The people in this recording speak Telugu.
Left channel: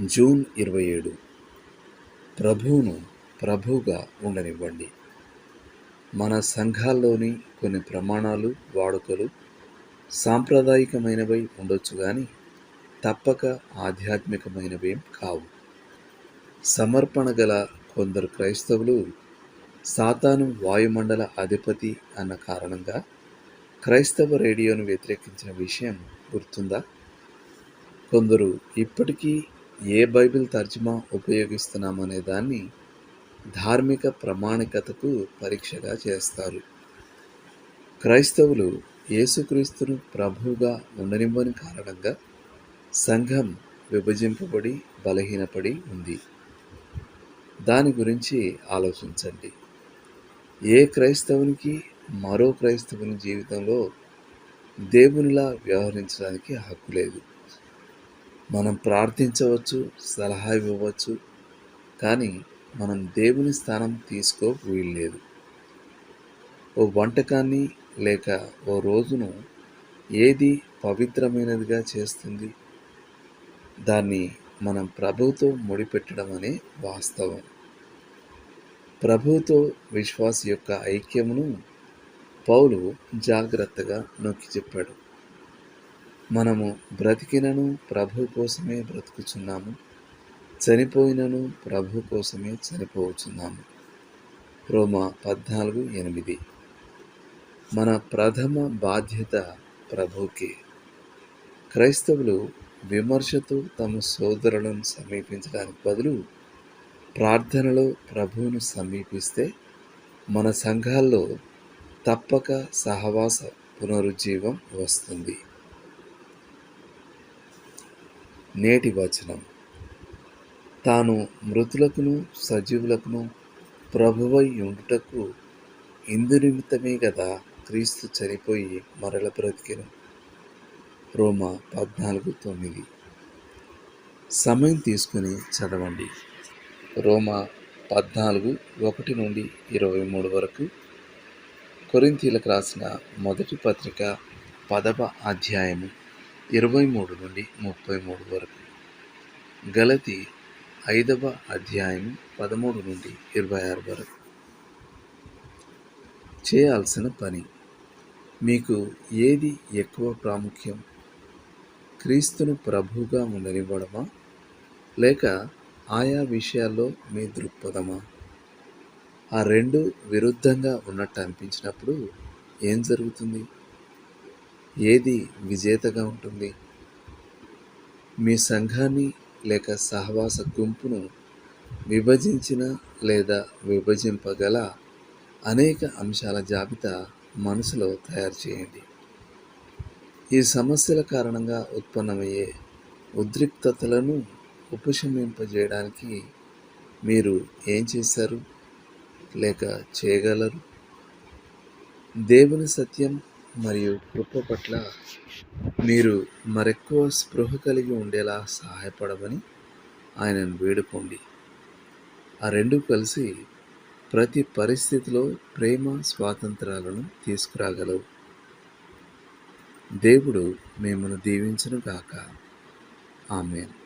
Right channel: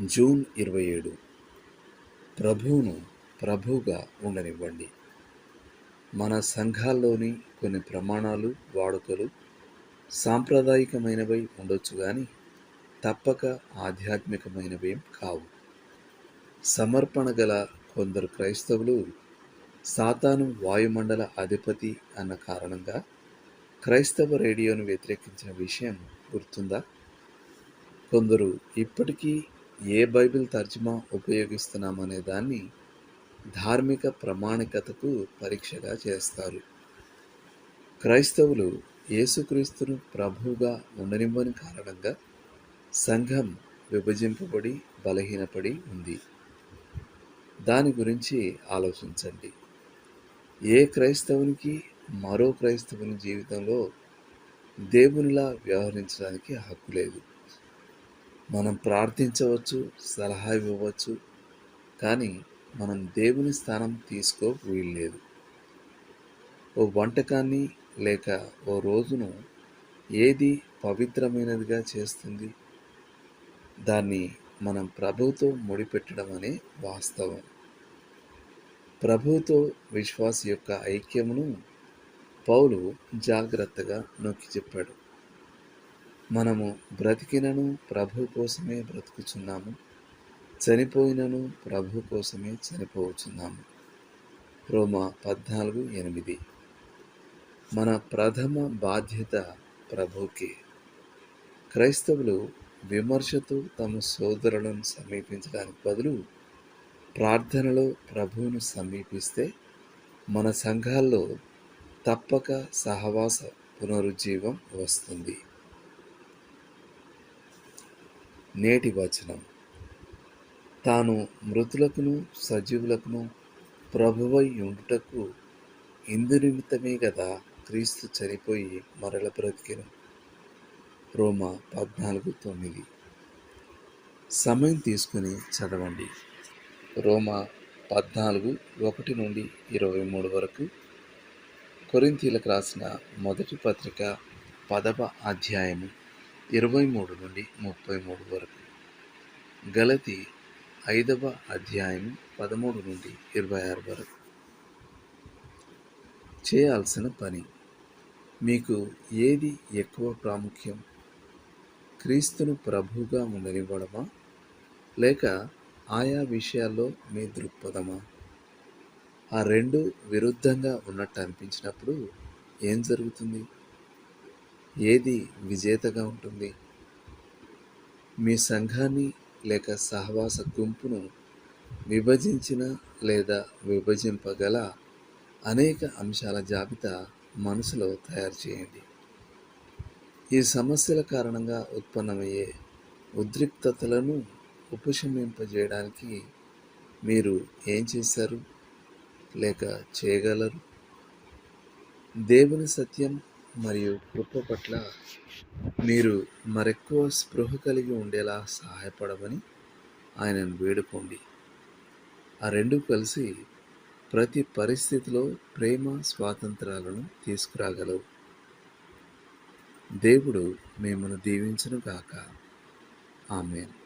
జూన్ ఇరవై ఏడు. ప్రభువును ప్రభువుగా ఉండనివ్వండి. మన సంఘాల్లోని కొన్ని ప్రమాణాలు వాడుకలు సాంప్రదాయికమైనవై ఉండొచ్చు కానీ తప్పక ఆధ్యాత్మికమైనవేం కావు. సమర్పణ గల కొందరు క్రైస్తవులు సాతాను వాయుమండల అధిపతి అన్న కారణంగా క్రైస్తవ రేడియోను వ్యతిరేకించిన విషయం గుర్తుందా? కొందరు ఇప్పటికీ ఏ బైబిల్ తర్జుమా ఉపయోగిస్తున్నామనే దాన్ని ధార్మిక ప్రామాణికతకు పరీక్షగా చేస్తారు. క్రైస్తవులు యేసుక్రీస్తును ప్రభువుగా ఉండనివ్వని కారణంగా సంఘం విభజింపబడి బలహీనపడి ఉంది. దాని గురించి ఆలోచించండి. ఏ క్రైస్తవునికి మరో క్రైస్తవుని జీవితంలో దేవునిలా వ్యవహరించడానికి హక్కు లేదు. మనం ప్రార్థించవచ్చు సలహా ఇవ్వవచ్చు కానీ మనం దేవుని స్థానం తీసుకో వీల్లేదు. ఓ వంటకాన్ని లేక ఓ రోజును ఏది పవిత్రమైనదిగా చేస్తుంది? దాన్ని మనం ప్రభుతో ముడిపెట్టడం అనే వాస్తవం. ప్రభుతో విశ్వాస యొక్క ఐక్యమును పౌలు జాగ్రత్తగా నొక్కి చెప్పాడు. మనము బ్రతికినను ప్రభు కోసమే బ్రతుకుచున్నాము. చనిపోయినను ప్రభు కోసమే చనిపోతున్నాము రోమా పద్నాలుగు ఎనిమిది. మన ప్రథమ బాధ్యత ప్రభుకే. క్రైస్తవులు విమర్శతో తమ సోదరులను సమీపించడానికి బదులు ప్రార్థనలో ప్రభువును సమీపిస్తే మన సంఘాల్లో తప్పక సహవాస పునరుజ్జీవం వస్తుంది. నేటి వచనం. తాను మృతులకును సజీవులకును ప్రభువై ఉండుటకు ఇందు నిమిత్తమే కదా క్రీస్తు చనిపోయి మరల బ్రతికెను. రోమా పద్నాలుగు తొమ్మిది. సమయం తీసుకుని చదవండి. రోమా పద్నాలుగు ఒకటి నుండి ఇరవై మూడు వరకు కొరింతీలకు రాసిన మొదటి పత్రిక పదవ అధ్యాయము. ఇరవై మూడు నుండి ముప్పై మూడు వరకు. గలతి ఐదవ అధ్యాయం పదమూడు నుండి ఇరవై ఆరు వరకు. చేయాల్సిన పని. మీకు ఏది ఎక్కువ ప్రాముఖ్యం? క్రీస్తును ప్రభువుగా ఉండనివ్వడమా? లేక ఆయా విషయాల్లో మీ దృక్పథమా? ఆ రెండు విరుద్ధంగా ఉన్నట్టు అనిపించినప్పుడు ఏం జరుగుతుంది? ఏది విజేతగా ఉంటుంది? మీ సంఘాన్ని లేక సహవాస గుంపును విభజించిన లేదా విభజింపగల అనేక అంశాల జాబితా మనసులో తయారు చేయండి. ఈ సమస్యల కారణంగా ఉత్పన్నమయ్యే ఉద్రిక్తతలను ఉపశమింపజేయడానికి మీరు ఏం చేశారు? లేక చేయగలరు? దేవుని సత్యం మరియు కృప పట్ల మీరు మరెక్కువ స్పృహ కలిగి ఉండేలా సహాయపడమని ఆయనను వేడుకోండి. ఆ రెండు కలిసి ప్రతి పరిస్థితిలో ప్రేమ స్వాతంత్రాలను తీసుకురాగలవు. దేవుడు మిమ్మల్ని దీవించను గాక. ఆమెను.